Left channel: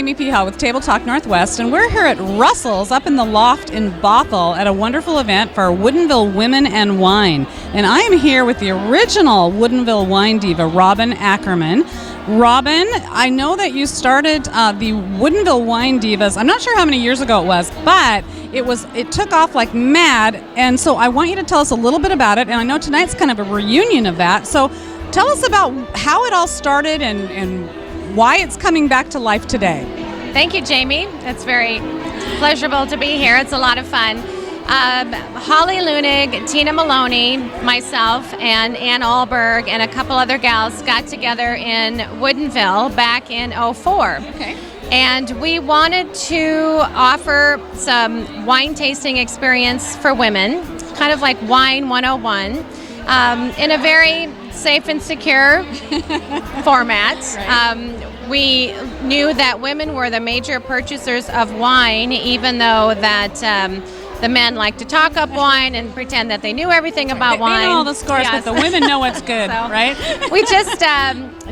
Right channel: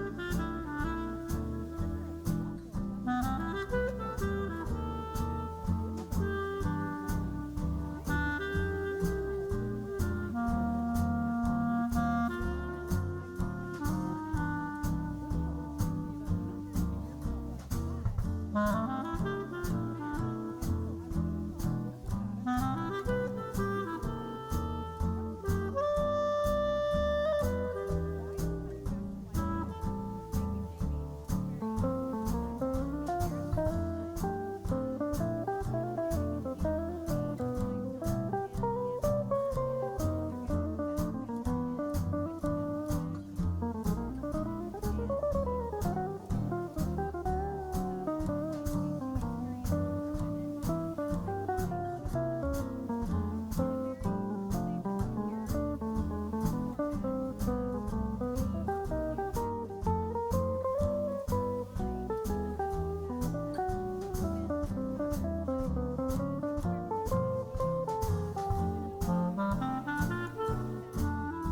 Jamie Peha with TableTalk Northwest, and we're here at Russell's up in the loft in Bothell at a wonderful event for Woodinville Women Wine. And I am here with the original Woodinville Wine Diva, Robin Akkerman. Robin, I know that you started the Woodinville Wine Divas. I'm not sure how many years ago it was, but it took off like mad. And so I want you to tell us a little bit about it. And I know tonight's kind of a reunion of that. So tell us about how it all started and why it's coming back to life today. Thank you, Jamie. It's very pleasurable to be here. It's a lot of fun. Holly Lunig, Tina Maloney, myself, and Ann Alberg, and a couple other gals got together in Woodinville back in '04. Okay. And we wanted to offer some wine tasting experience for women, kind of like Wine 101, in a very safe and secure format. Right. We knew that women were the major purchasers of wine, even though that the men like to talk up wine and pretend that they knew everything about wine. They know all the scores, Yes. but the women know what's good, right? We just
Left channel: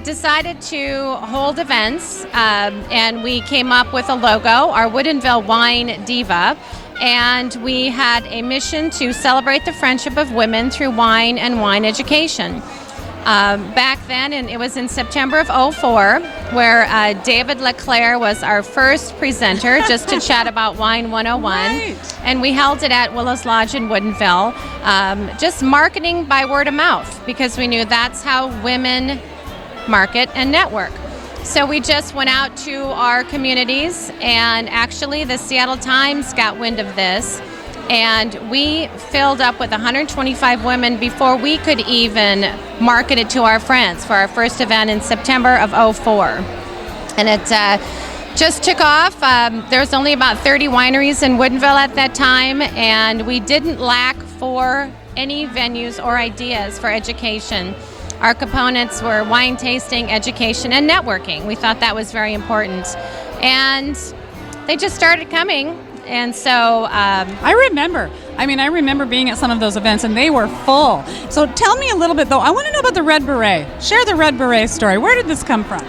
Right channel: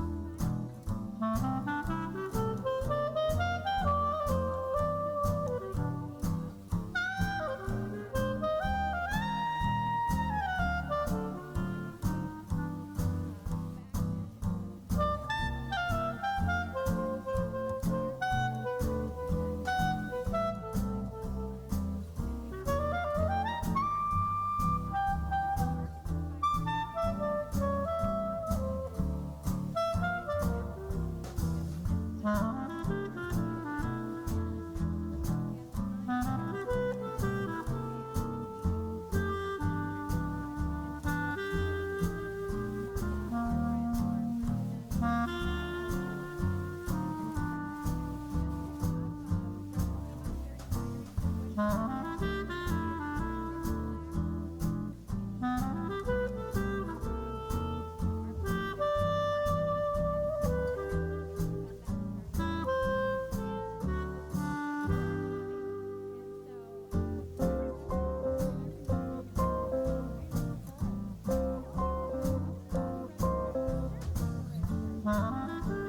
decided to hold events, and we came up with a logo, our Woodinville Wine Diva, and we had a mission to celebrate the friendship of women through wine and wine education. Back then, and it was in September of '04, where David LeClaire was our first presenter just to chat about Wine 101. Right. And we held it at Willow's Lodge in Woodinville, just marketing by word of mouth, because we knew that's how women market and network. So we just went out to our communities, and actually the Seattle Times got wind of this. And we filled up with 125 women before we could even market it to our friends for our first event in September of '04. And it just took off. There was only about 30 wineries in Woodinville at that time, and we didn't lack for any venues or ideas for education. Our components were wine tasting, education, and networking. We thought that was very important. And they just started coming. And so I remember being at some of those events, and they were full. So tell me a little bit, though. I want to know about the Red Beret. Share the Red Beret story. Where did this come from?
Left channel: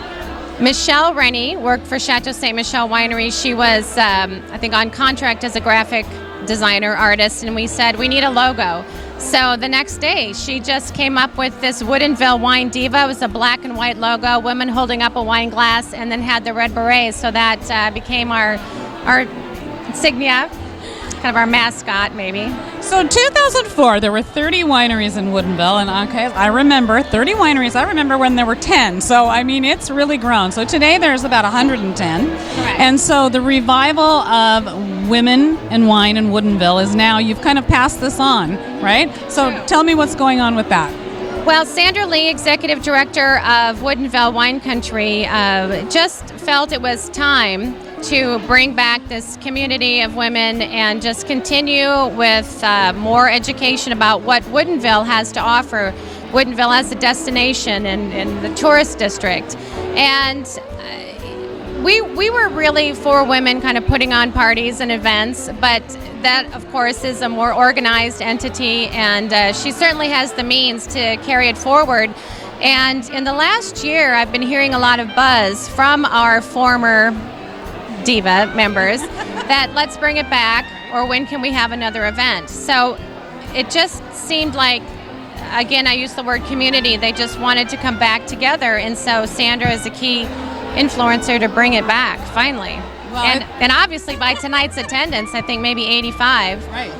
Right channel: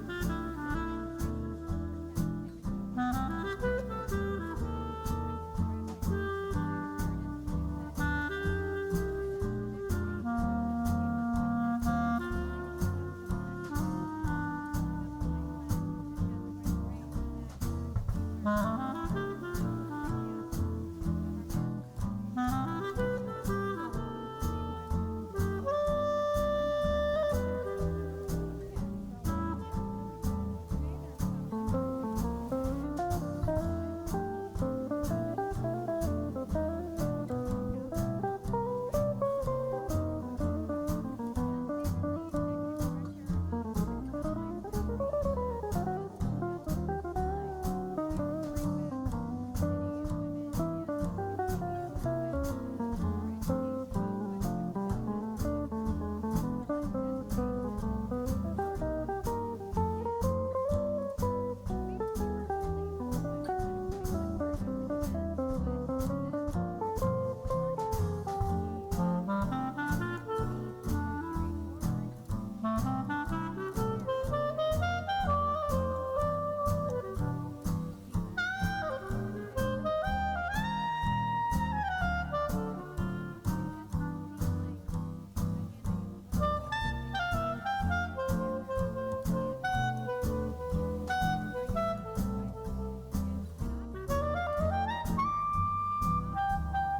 Michelle Rennie worked for Chateau Ste. Michelle Winery. She was, I think, on contract as a graphic designer, artist, and we said, we need a logo. So the next day, she just came up with this Woodinville Wine Diva. It was a black and white logo, women holding up a wine glass, and then had the red berets. So that became our insignia, kind of our mascot, maybe. So in 2004, there were 30 wineries in Woodinville, and okay, I remember 30 wineries. I remember when there were 10. So I mean, it's really grown. So today there's about 110. Correct. And so the revival of women and wine in Woodinville is now, you've kind of passed this on, right? So tell me what's going on with that. Well, Sandra Lee, Executive Director of Woodinville Wine Country, just felt it was time to bring back this community of women and just continue with more education about what Woodinville has to offer. Woodinville as a destination and the tourist district. And we were really for women kind of putting on parties and events, but that, of course, is a more organized entity, and she certainly has the means to carry it forward. And in the last year, I've been hearing a lot of buzz from our former Diva members that let's bring it back, or when can we have another event? So it just seemed like, again, I use the word community, they just wanted to come back together, and so Sandra is a key influencer to bring it back, finally. Well, and obviously by tonight's attendance, I think maybe 85, Right.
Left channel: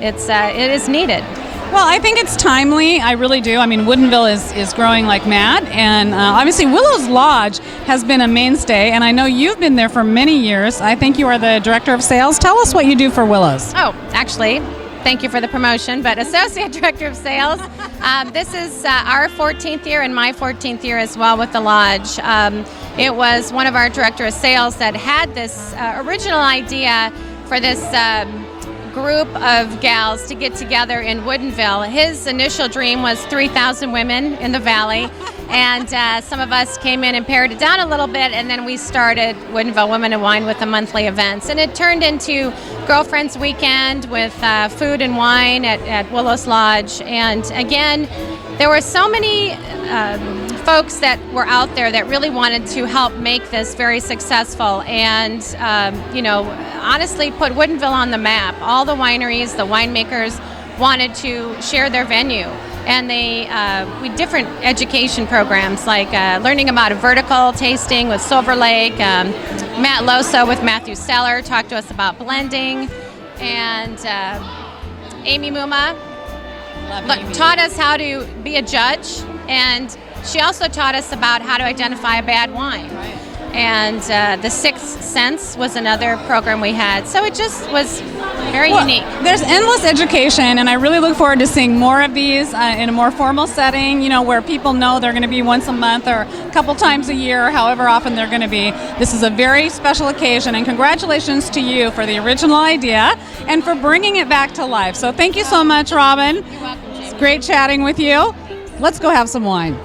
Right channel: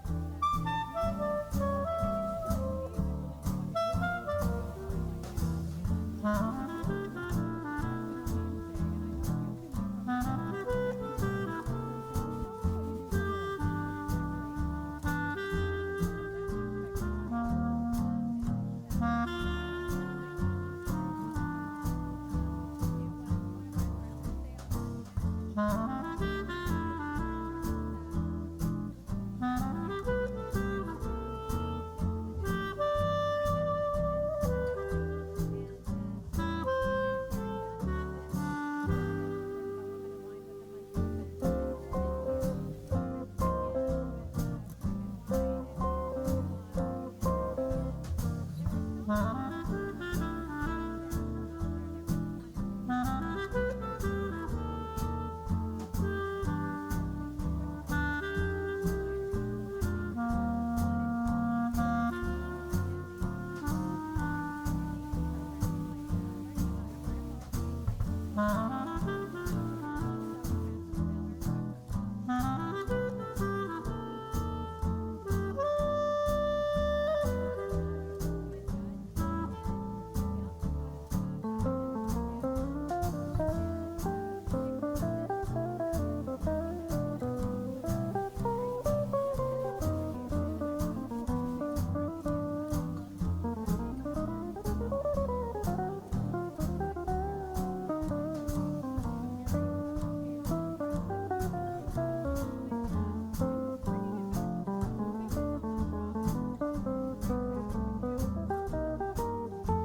it is needed. Well, I think it's timely. I really do. I mean, Woodinville is growing like mad, and obviously Willow's Lodge has been a mainstay, and I know you've been there for many years. I think you are the Director of Sales. Tell us what you do for Willow's. Oh, actually, thank you for the promotion, but Associate Director of Sales. This is our 14th year and my 14th year as well with the Lodge. It was one of our Director of Sales that had this original idea for this group of gals to get together in Woodinville. His initial dream was 3,000 women in the valley, and some of us came in and pared it down a little bit, and then we started Woodinville Women Wine with the monthly events, and it turned into Girlfriends Weekend with food and wine at Willow's Lodge. And again, there were so many folks that were out there that really wanted to help make this very successful and, honestly put Woodinville on the map. All the wineries, the winemakers wanted to share their venue. And we different education programs like learning about a vertical tasting with Silver Lake. Matt Loso with Matthew Seller talked to us about blending. And Amy Muma taught us how to be a judge. And she also taught us about how to identify a bad wine. And the Sixth Sense was another program we had. So it just was very unique. There's endless education, and I really look forward to seeing more of these in a more formal setting, where people know they're going to be once a month or a couple times a year, or however often they're going to be. This is a very special occasion, and congratulations to you for the original idea and for bringing it back to life. So thank you so much, Robin. You're welcome, Jamie. It's great chatting with you. Let's go have some wine.